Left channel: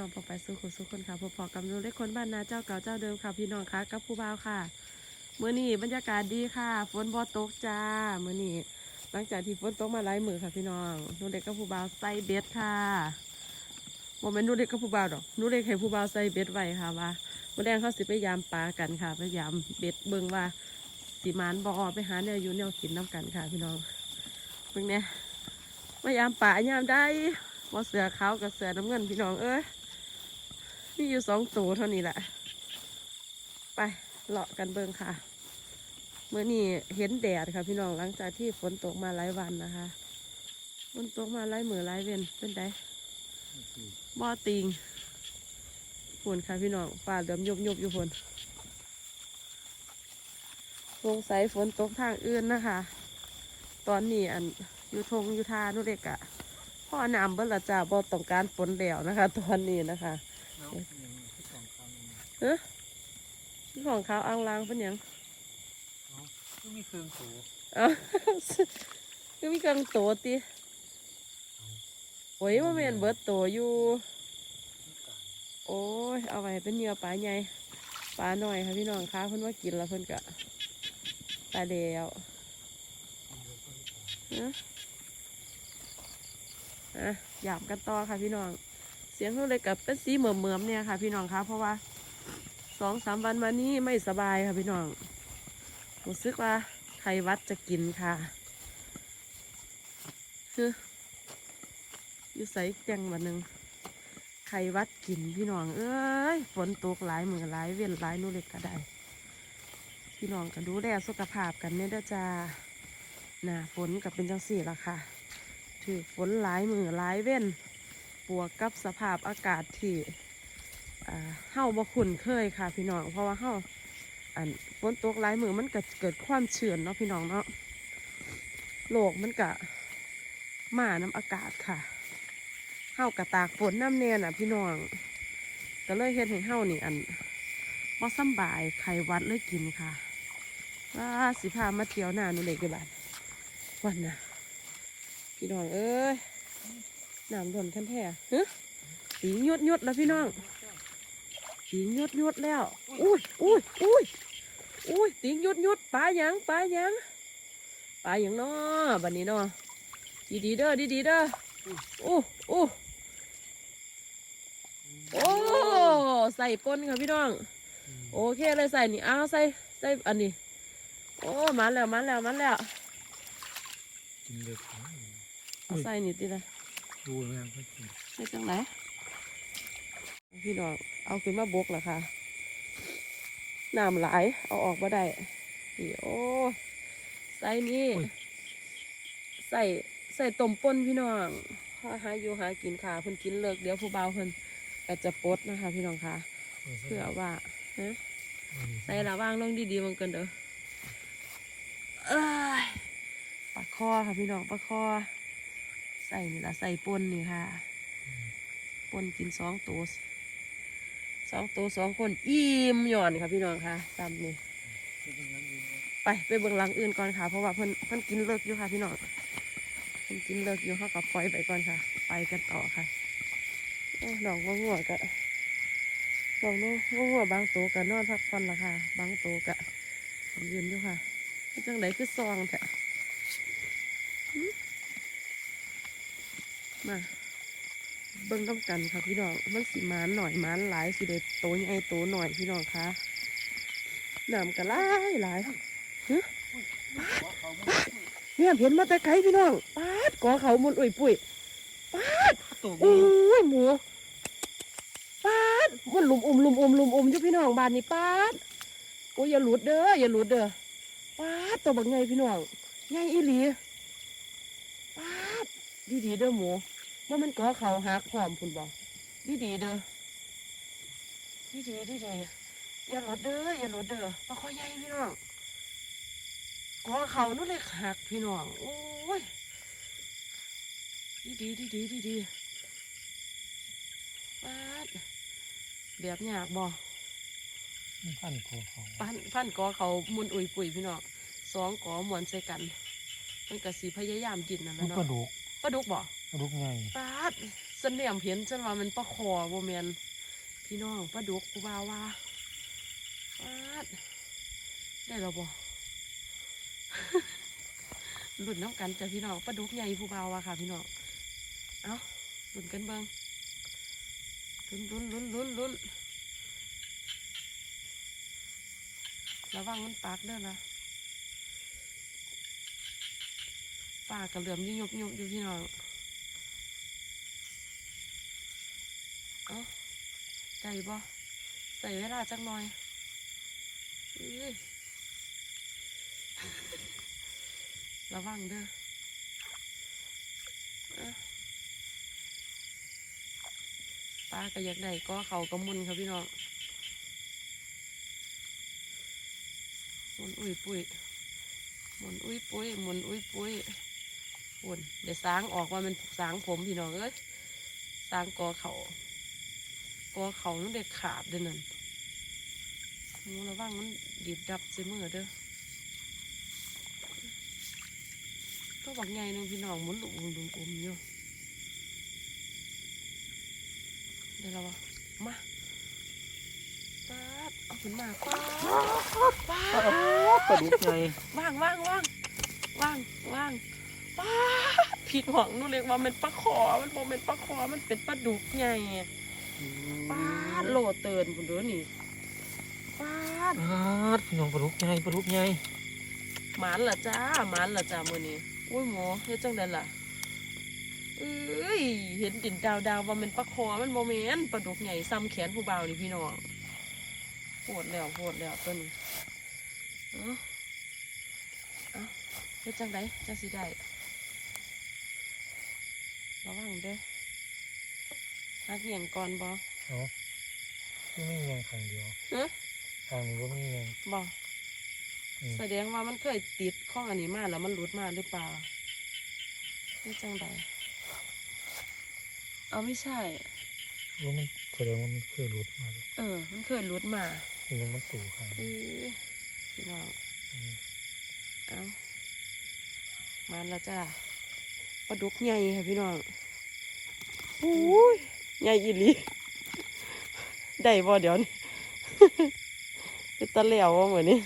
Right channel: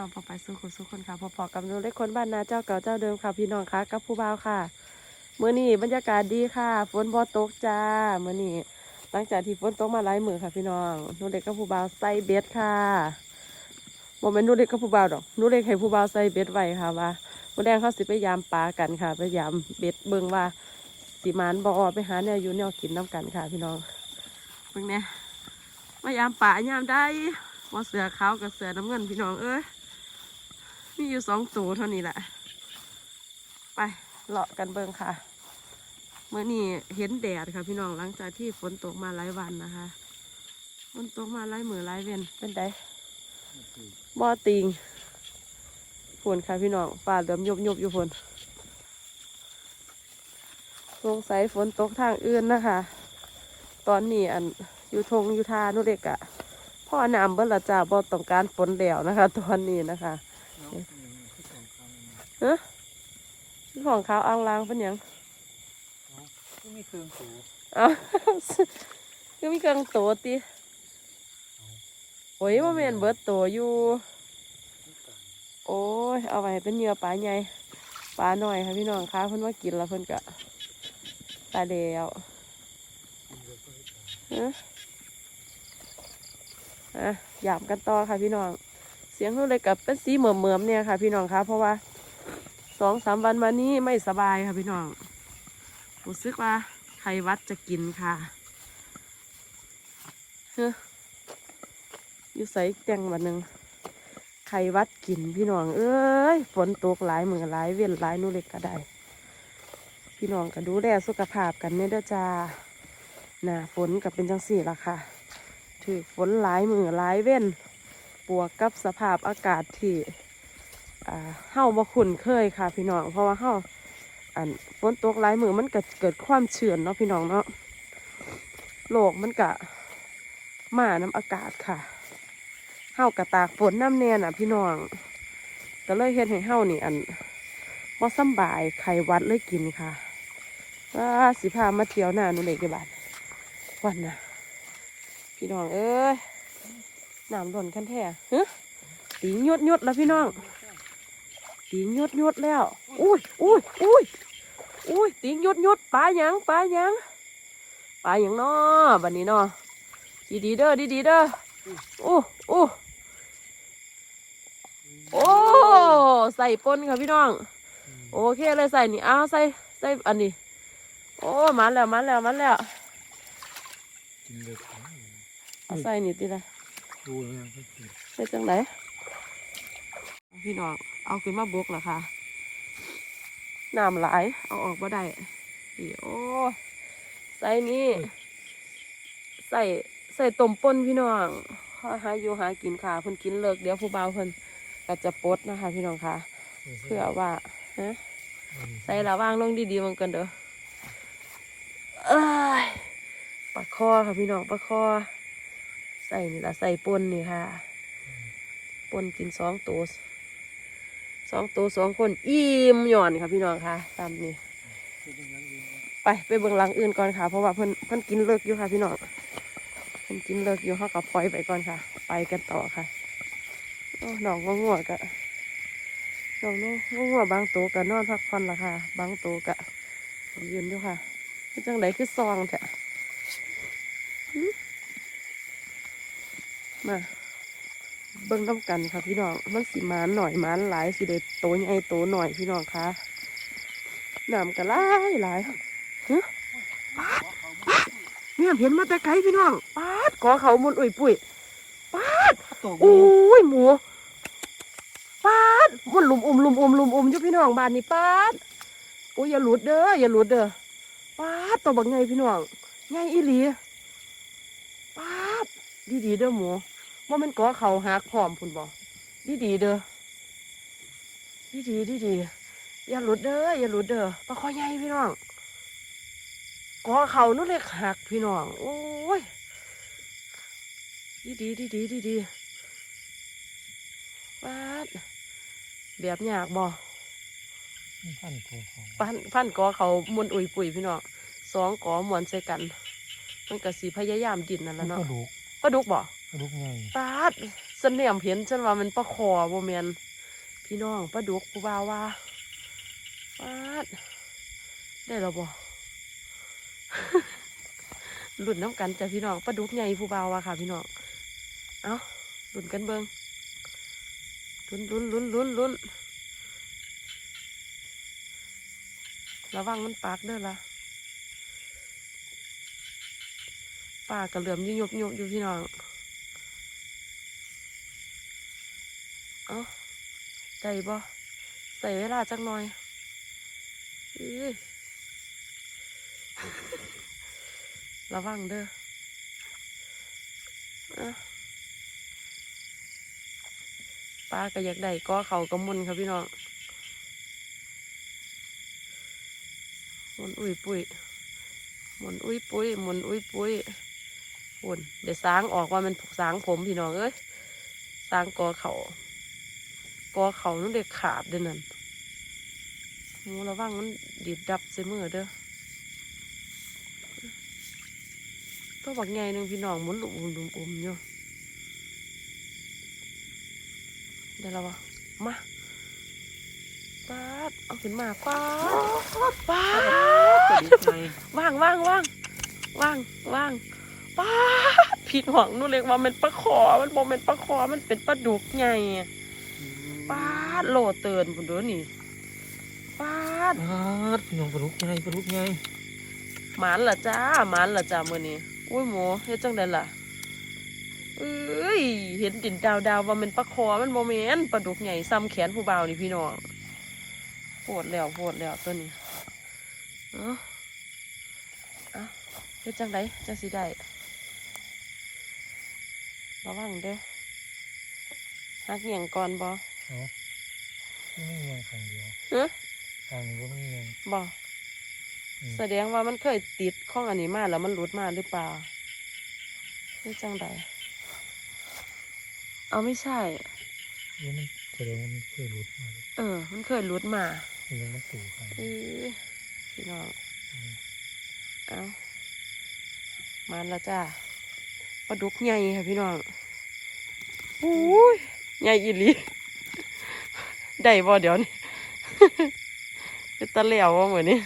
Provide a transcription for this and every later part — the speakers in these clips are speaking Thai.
น้องปองไปสู้คนสู้คนค่ะพอๆกับนูเล็กคนบ้านนาเจ้าเก่าเจ้าเดิมค่ะพี่น้องค่ะกับผู้บ่าวค่ะเมื่อนี้บรรยากาศดีค่ะฝนบ่ตกจ้าเมื่อนี้หลังจากที่ฝนตกมาหลายมือค่ะพี่น้องนูเล็กกับผู้บ่าวใส่เบ็ดค่ะโมเมนหนูเล็กกับผู้บ่าวดอกนูเล็กให้ผู้บ่าวใส่เบ็ดไว้ค่ะว่าวันแรกเขาสิไปยามปลากันค่ะไปยามเบ็ดเบิ่งว่าสิมานบ่อไปหาเนี่ยอยู่เนี่ยกินน้ำกันค่ะ พี่น้องเบิ่งเนี่ยมายามป่ายามได้ว่าเสือขาวกับเสือน้ำเงินพี่น้องเอ้ย มีอยู่สองตัวเท่านี้แหละ ไปเลาะกันเบิ่งค่ะ เมื่อนี้เห็นแดดค่ะพี่น้องหลังจากที่ฝนตกมาหลายวันนะคะฝนตกมาหลายมือหลายเวนเป็นไดบ่อติงฝนค่ะพี่น้องฟ้าเหลือมยุบยุบอยู่ฝนสงสัยฝนตกทางอื่นนะคะ ตอนนี้อันอยู่ทงอยู่ทานุเด็กอะพ่อน้ำเบิ้ละจ้าบ่ต้องการฝนแล้วนะคะ ตอนนี้นะคะ ฮะของเขาอ่างลางเป็นยังก็มีเครื่องสูอ้าก็มีกังตัวติโอ้ยว่าแม่นเบิดตัวอยู่ โอ้ย เอาไว้ให้เป็นเหยื่อปลาใหญ่ปลาหน่อยค่ะพี่น้องคะเพิ่นว่ากินแล้วเพิ่นกะตายแล้วฮะอะหยามกันต่อค่ะพี่น้อง สียงเขาเลยกับเป็นสีเหมื่อมๆเนี่ยค่ะ พี่น้องคะเพราะว่าสองสามวันมานี้ไม่สบายค่ะพี่น้องรู้สึกว่าไขวัดจะกินค่ะอยู่ใส่แตงวันหนึ่งไขวัดกินพี่น้อง เอ้ยฝนตกหลายมือหลายเวียนหลายนู่เล็กก็ได้ พี่น้องก็ดูแลสุขภาพกันเนี่ยเด้อจ้าหน้าฝนก็เป็นจังสี่ละค่ะ ถือฝนหลายมือหลายเว้น บวกกับสภาพอากาศที่อ่าเฮาบ่คุ้นเคยค่ะพี่น้องเพราะว่าเฮาอันฝนตกหลายมือมันก็เกิดความเฉื่อนเนาะพี่น้องเนาะโลกมันกะมาน้ำอากาศค่ะเฮากระตากฝนน้ำแน่น่ะ พี่น้องก็เลยเฮ็ดให้เฮานี่อันบ่สบายไข้วัดเลยกินค่ะว่าสิพามาเที่ยวหน้าหนูเล็กกี่บาทวันน่ะพี่น้องเอ้ย น้ำหล่นกันแท้ฮะตีหยดหยดแล้วพี่น้องตีหยดหยดแล้ว อุ้ยอุ้ยอุ้ยอุ้ยตีหยดหยดปลาหยังปลาหยังปลาหยังน้อบันนี้น้อดีดีๆเด้อดีดีๆเด้ออู้อู้โอ้ใส่ปนค่ะพี่น้อง โอเคเลยใส่นี่อ้าวใส่ใส่อันนี้ โอ้มาแล้วมาแล้วมาแล้วกินเลยเอาใส่นี่ติละ ดูแล้วก็กินใส่จังไหนพี่น้องเอาขึ้นมาบกแล้วค่ะน้ำไหลายเอาออกมาได้อีโอ้ใส่นี่ใส่ใส่ต้มป่นพี่น้องหาหาอยู่หากินค่ะเพิ่นกินเลิกเดี๋ยวผู้บ่าวเพิ่นก็จะปลดนะคะ พี่น้องค่ะ เพื่อว่าฮะใส่ระว่างลงดีๆมันกันเด้อเอ้ยปลาคอค่ะพี่น้องปลาคอ ใส่นี่ละใส่ปนนี่ค่ะปนกินสองตัวสองตัวสองคนอิ่มหย่อนค่ะพี่น้องค่ะตามนี้ไปไปเบิ่งหลังอื่นก่อนค่ะ เพราะว่าเพิ่นเพิ่นกินเลิกอยู่ค่ะพี่น้องเพิ่นกินเลิกอยู่เขากับปล่อยไปก่อนค่ะ ไปกันต่อค่ะโอ้องง่วงกะหนองว่าง่วงบางตัวกะนอนพักผ่อนละค่ะ บางตัวกะยืนอยู่ค่ะจังไดคือซองแท้ มาเบิ่งน้ำกันค่ะพี่น้องมันสิหมานหน่อยหมานหลายสิเด็ดโตใหญ่โตหน่อยพี่น้องคะน้ำกันหลายหลายฮะเนี่ยเห็นมาแต่ไกลพี่น้องปาดขอเขามุนอุ่ยปุ๋ยปาดตกโอ้ยหมูปาดมันลุมอุ้มลุมอุ้มลุมอุ้มอยู่พี่น้องบ้านนี้ปาดโอ้ยอย่าหลุดเด้ออย่าหลุดเด้อปาดตัวบักใหญ่พี่น้องใหญ่อีหลีปา ดดีดีๆเด้อหมูว่ามันก่อเขาหักพร้อมพุ่นบอกดีดีๆเด้อดีดีดีดีๆอย่าหลุดเด้ออย่าหลุดเด้อปลาคอใหญ่พี่น้องก่อเขานู่นเลยหักพี่น้อง โอ้ยดีดีดีดีดีดีปาดแบบยากบ่พันกว่าของพันพันก่อเขามวนอุ่ยปุ๋ยพี่น้องสองก่อมวนใส่กัน มันก็สีพยายามดินนั่นแหมัละนเนาะกระดูก ปลาดุกบ่กระดูกไงปาดฉันเนี่ยเห็นฉันว่ามันปลาคอบ่แมนพี่น้องปลาดุกผู้บ่าวว่าปาดได้แล้วบ่หลุดน้ำกันจ้ะพี่น้องปลาดุกใหญ่ผู้บ่าวว่าค่ะ พี่น้อง เอาหลุนกันเบิงลุ้นลุ้นลุ้นลุ้นลุ้นระวังมันปากเด้อละ ปากระเหลื่อมยุยบยุบอยู่พี่น้อง เอาได้บ่ใส่เวลาจักหน่อยระวังเด้อปลาก็อยากได้ก็เขาก็มุนครับพี่น้องมุนอุ้ยปุ้ยมุนอุ้ยปุ้ยมุนอุ้ยปุ้ย หุ่นเดี๋ยวสางออกว่ามันสางผมพี่น้องเอ้ยสางกอเขากอเขานั่นเด็กขาดเด้อนั่นหมูระวังมันดีดดับใส่มือเด้อตัวบักไงหนึ่งพี่น้องหมุนลุมลุมลุมอุ้มอยู่เดี๋ยวเราวะมาปาดเอาขึ้นมาปาดปาดปลาดุกไงว่างว่างว่างว่างว่าง ปาดผิดหวังนู่นเรียกว่ามันปลาขอมันบอกเป็นปลาขอมันเป็นปลาดุกไงปาดโหลเตือนคุณดูนี่ปาดปาดพี่น้องปลาดุกไงปลาดุกไงหมานละจ้าหมานละจ้ามื่อนี้อุ้ยหมูเฮ็ดจังไดล่ะเอ้ยเห็นดินดาวดาวว่ามันปลาคอมันโมเมนปลาดุกใหญ่ซ้ำแขนผู้บ่าวนี่พี่น้องโหดแล้วโหดแล้วตัวนี้เอ้าเอ้าเฮ็ดจังไดจังสิได้ ระวังเด้อหักเหยียงก่อนบ่เนาะที่ไม่มีแยงฝั่งเดียวฮะฝั่งนี้ก็ไม่มีแยงบ่อืมแสดงว่ามันเคยติดข้องอันนี้มาแล้วมันหลุดมาหรือเปล่านี่จังใดเอาไม่ใช่ ว่ามันแสดงว่ามันเคยหลุดมาเลยเออ มันเคยหลุดมาคือยังไม่ตู่ค่ะเออพี่น้องอืมเอามันและจ้า ปลาดุกใหญ่ค่ะพี่น้องโอ้ยใหญ่อีหลีได้บ่เดี๋ยวนี้เป็นตะเหลวว่าเหมือนนี้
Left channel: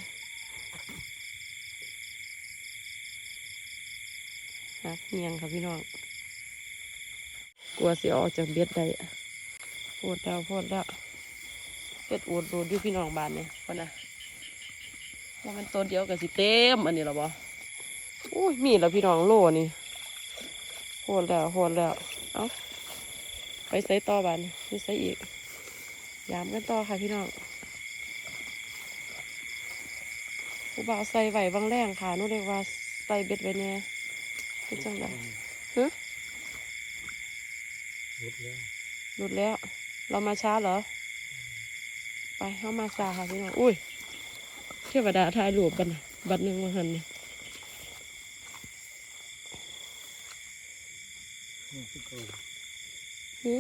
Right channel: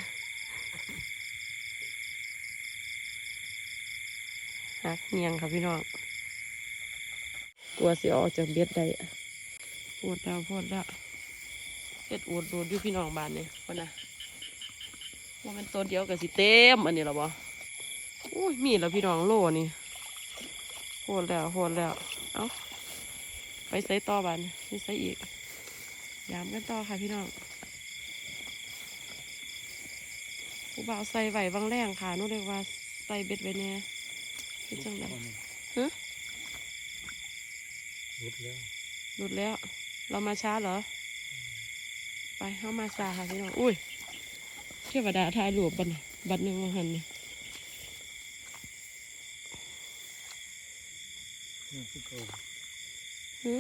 หักเงียงค่ะพี่น้องกลัวสิออกจากเบ็ดได้ปวดแล้วปวดแล้วเบ็ดอวดรูดอยู่พี่น้องบ้านเนี่ยคนน่ะว่ามันตัวเดียวกับสิเต็มอันนี้หรอบ่อุ้ยมีแล้วพี่น้องโลนี่ โหดแล้วโหดแล้ว เอาไปใส่ต่อบ้านนี่ใส่อีกยามกันต่อค่ะพี่น้องผู้บ่าวใส่ไหวบางแรงค่ะนู่นเรียกว่าใส่เบ็ดไว้แน่เป็นจังไดฮะหลุดแล้วหลุดแล้ว เรามาช้าเหรอ ไปเข้ามาซาค่ะพี่น้อง อุ้ยเทวดาทายหลวบบัดนบัดหนึ่งมาหันนี่นี่คื อเก่าหึ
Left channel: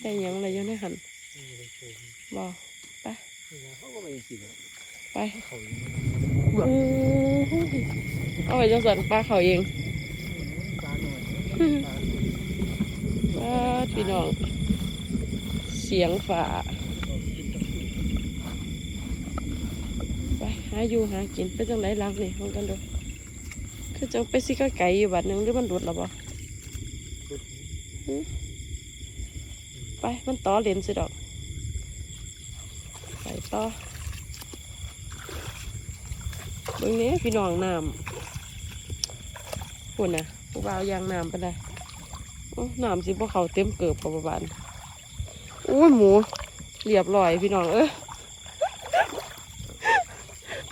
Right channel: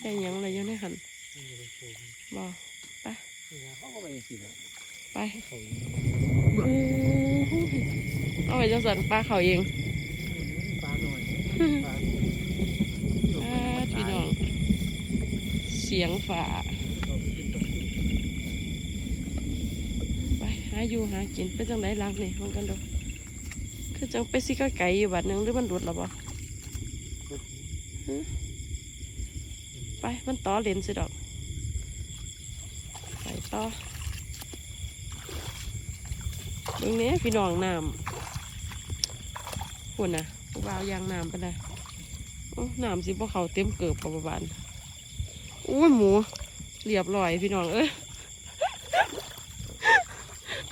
ได้หยังอะไรอยู่ในหันที่ไม่ได้โชว์บอไปนี่นะเขาก็ไปจริงๆอะไปเขาอยู่อู้หูเอาไปจังสันปลาเขาเองปลาหน่อยปลาปลาพี่น้องเสียงฝาเรากินตะกี้ไปหาอยู่หากินเป็นจังไรลักนี่มองกันดู คือจังไปสิกะไก่อยู่บัดหนึงหรือมันหลุดแล้วบ่หลุดหึไป มันต่อเลนสิดอก ไปต่อเบิ่งแหนี้พี่น้องน้ำพุ่นน่ะผู้บ่าวยางน้ำไปเลยโอ้น้ำสิบ่เขาเต็มเกือบปประบาณอุ้ยหมู เรียบร้อยพี่น้องเอ้ย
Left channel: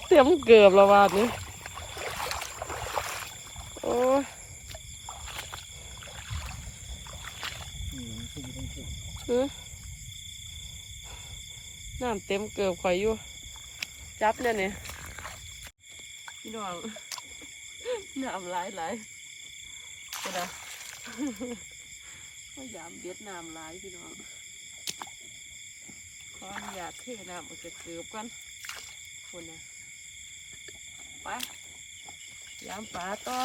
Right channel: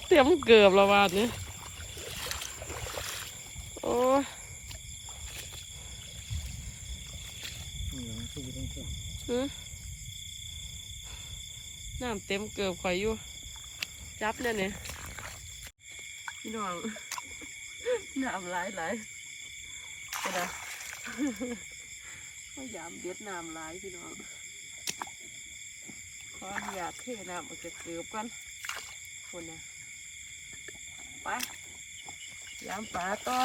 เต็มเกือบและบาดนี้โอ้ยนี่ยังสู้ไม่ต้ องสู้เอ้ยน้ำเต็มเกือบข่อยอยู่ จับเนี่ยเนี่ยพี่น้องน้ำไหลายไหลายก็ได้พยายามเด็ดน้ำไหลายพี่น้องขออนุญาตเทน้ำออกจากเกือบกันคนนะไปยามป่าต่อ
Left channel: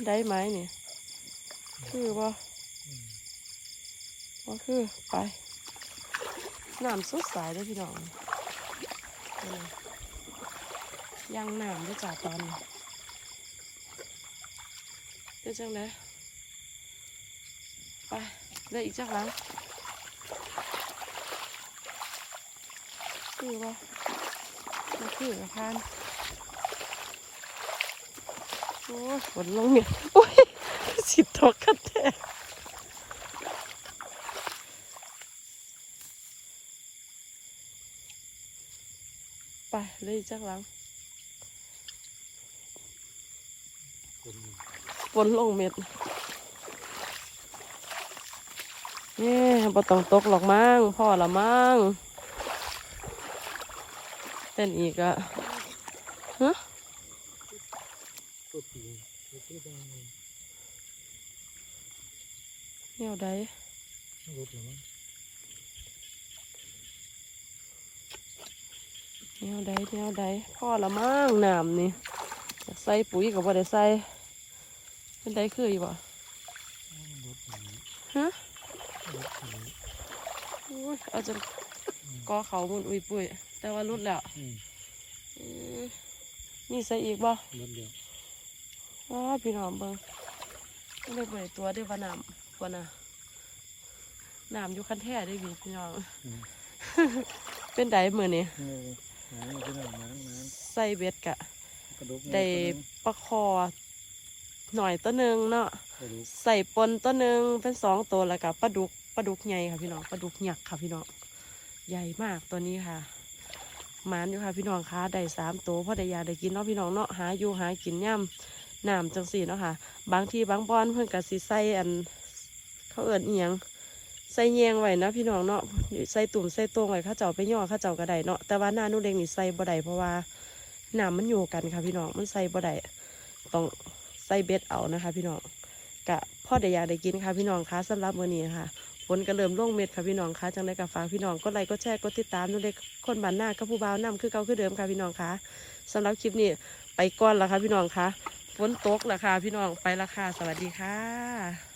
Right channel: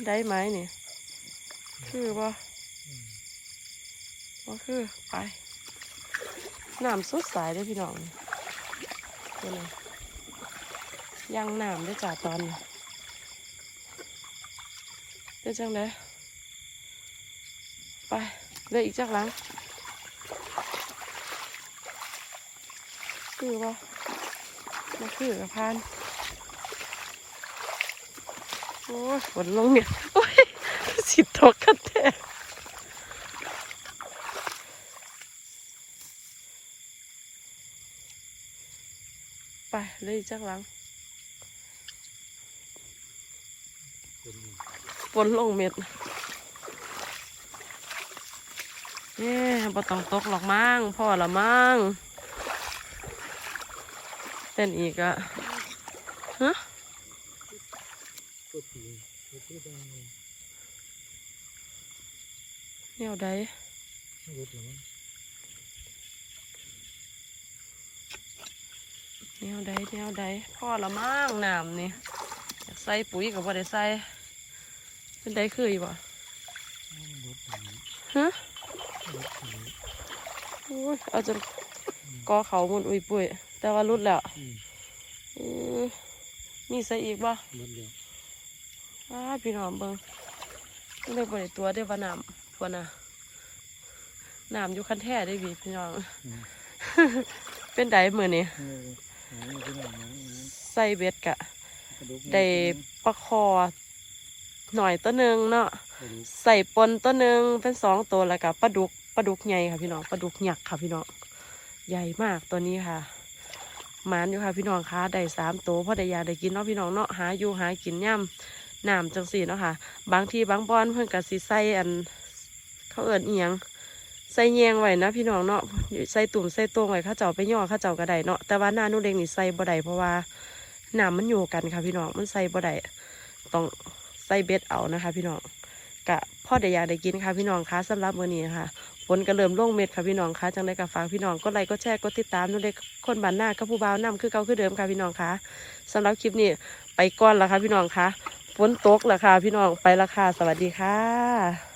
เป็นได้ไหมเนี่ยคือบ่บ่คือไปน้ำสดใสเลยพี่น้องเดี๋ยวนะยังน้ำได้จ้าตอนนี้เป็นจังไดไปเลยอีกจักหลังคือบ่มาคือกับพาน โอ้ฝนลงเนี่ยโอ้ยสิตกกันแท้ไปเลยจักหลังฝนลงเม็ดเนี่ยบ่ต้องตกหรอกมั้งพ่อละมั้งเต้นอีกอะฮะ ตัวผีตัวที่บางแนวใดรถหรือมั้งแนวใดแนวใดพ่อละมั้งน้ำนี่อยากใส่ปุ๋ยกับบ่ได้ใส่เป็นใดคืออยู่บ่รถผีฮะรถผีโอ้ยเอาจนกอเขาหมุนอุ้ยปุ้ยแต่ว่ารุดแล้วอืมเออมีใส่อีกบ่รถเดียวอ้า พี่น้องเบิ่งไม่ได้บ่ได้ตัวได้ว่าน้ำกว่าน่ะน้ำอยู่คันแท้ได้พี่พี่น้อง เป็นไดมือนนี่ไหนน้ำน้ใส่เบ็ดกะได้ปลาคอหน่อยตัวหนึ่งเนาะใส่ปนตัวหนึ่งเป็นสองตัวแล้วกับปลาดุกปลาดุกใหญ่ค่ะพี่น้องปลาดุกหยักค่ะพี่น้องใหญ่มากตัวนี้ค่ะหมานอยู่ค่ะพี่น้องคะได้สามตัวเพราะได้อยากได้กินเนาะพี่น้องเนาะหาอยู่หากินย่ำ น้ำจังสีเนาะค่ะ บางทีบางบอนเพิ่อนกับสีใส่อันเขาเอิญเอียงใส่แยงไว้นะพี่น้องเนาะใส่ตุ่มใส่ตรงไว้ข้าเจ้าไปย่อข้าเจ้าก็ได้เนาะแต่ว่าหน้าหนูเล็กนี่ใส่บ่ได้เพราะว่าน้ำมันอยู่กันค่ะพี่น้องมันใส่บ่ได้ต้องใส่เบ็ดเอานะคะ พี่น้องกะพ่อได้อยากได้กินค่ะพี่น้องคะสำหรับมื้อนี้ค่ะฝนก็เริ่มลงเม็ดค่ะพี่น้องคะจังได้กับฝากพี่น้องก็ไลค์ก็แชร์ก็ติดตามนู่นเลยคนบ้านหน้าก็ผู้บ่าวนํคือเก่าคือเดิมค่ะพี่น้องคะสำหรับคลิปนี้ไปก่อนละค่ะพี่น้องคะ นตกราคาพี่น้องไปราคาสวัสดีค่ะ